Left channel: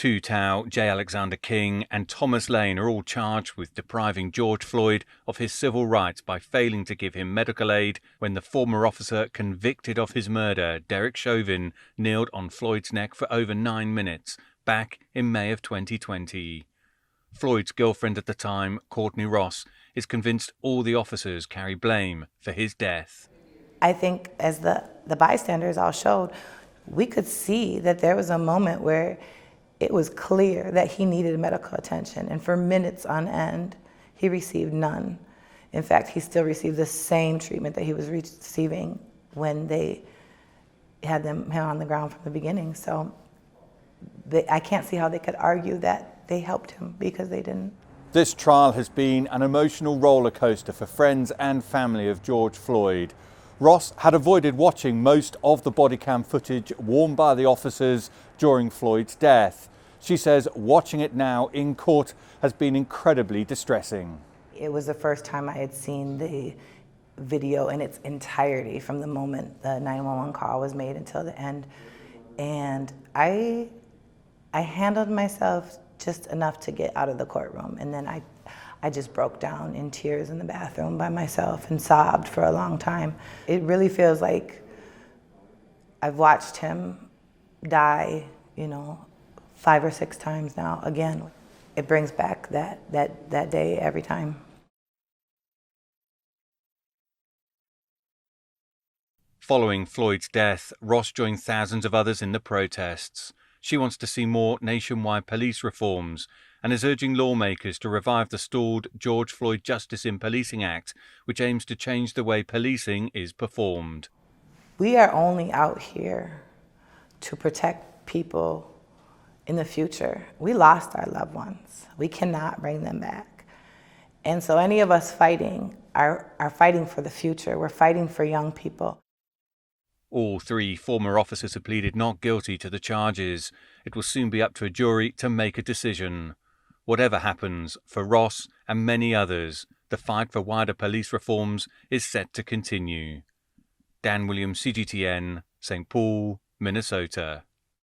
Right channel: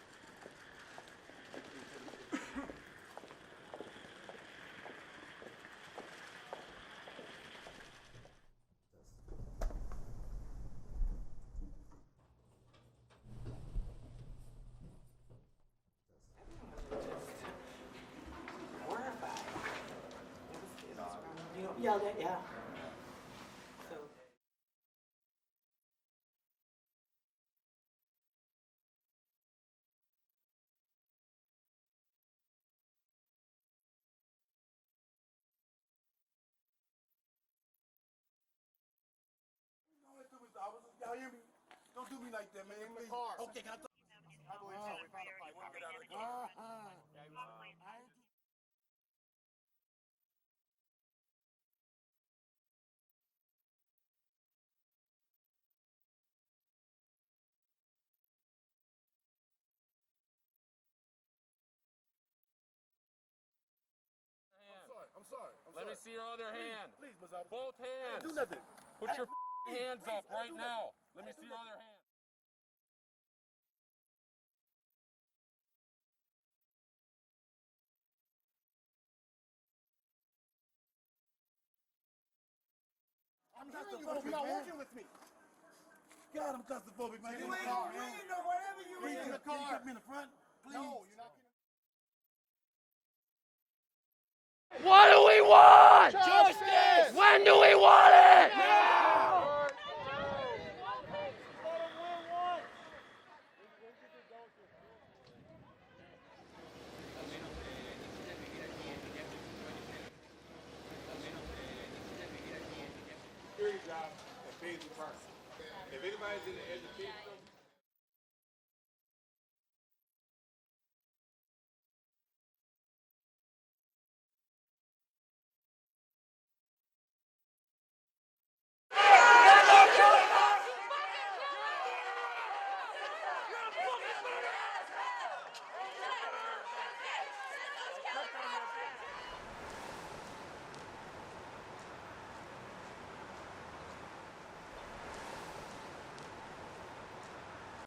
Tu Tao, J. Alexander King and Thomas Lane are all charged with depriving George Floyd of his civil rights by failing to give him medical aid when the former officer convicted of his murder, Derek Chauvin, kneeled on Floyd's neck for over 9 minutes back in May of 2020. Floyd's girlfriend at the time, Courtney Ross, is convinced all the officers carry blame for his death. I think as the bystanders all showed, we could see that there was a moment where it was clear that he needed medical attention, and for minutes on end, he received none. In fact, he still received the same treatment that he was receiving when they had him on the ground from the beginning. So I can't see how they could argue that they helped him, because they didn't. This trial has been an emotional roller coaster for friends and family of George Floyd. Ross had avoided watching most of the body cam footage worn by the officers during Floyd's death. She says watching it now in court has been incredibly distressing. It was the first time I had seen the video in its entirety, from the moment the 911 call was made until the end. And I handled myself just enough to get out of the courtroom. And then I just broke down in tears in the bathroom by myself and sobbed for a long time. It really feels like I've watched him die, 5 or 6 times now again. It brings back that day every time. What do we want? Justice! When do we want it? Now! Following Floyd's death, Ross joined thousands of others in the protests. She wants to see more nationwide police reforms and is urging lawmakers to revive the stalled George Floyd Justice in Policing Act, which aims to change the way policing is performed. We are only out here to protect people in the future. We lost our loved ones. We cannot bring them back. And so any of us fighting are fighting for the future. We're fighting for young people. All 3 former officers have pleaded not guilty to the charges. It will soon be up to a jury to make a decision. Whatever happens, for Ross and many others, the fight for wider police reforms is set to continue. Dan Williams, CGTN, St. Paul, Minnesota.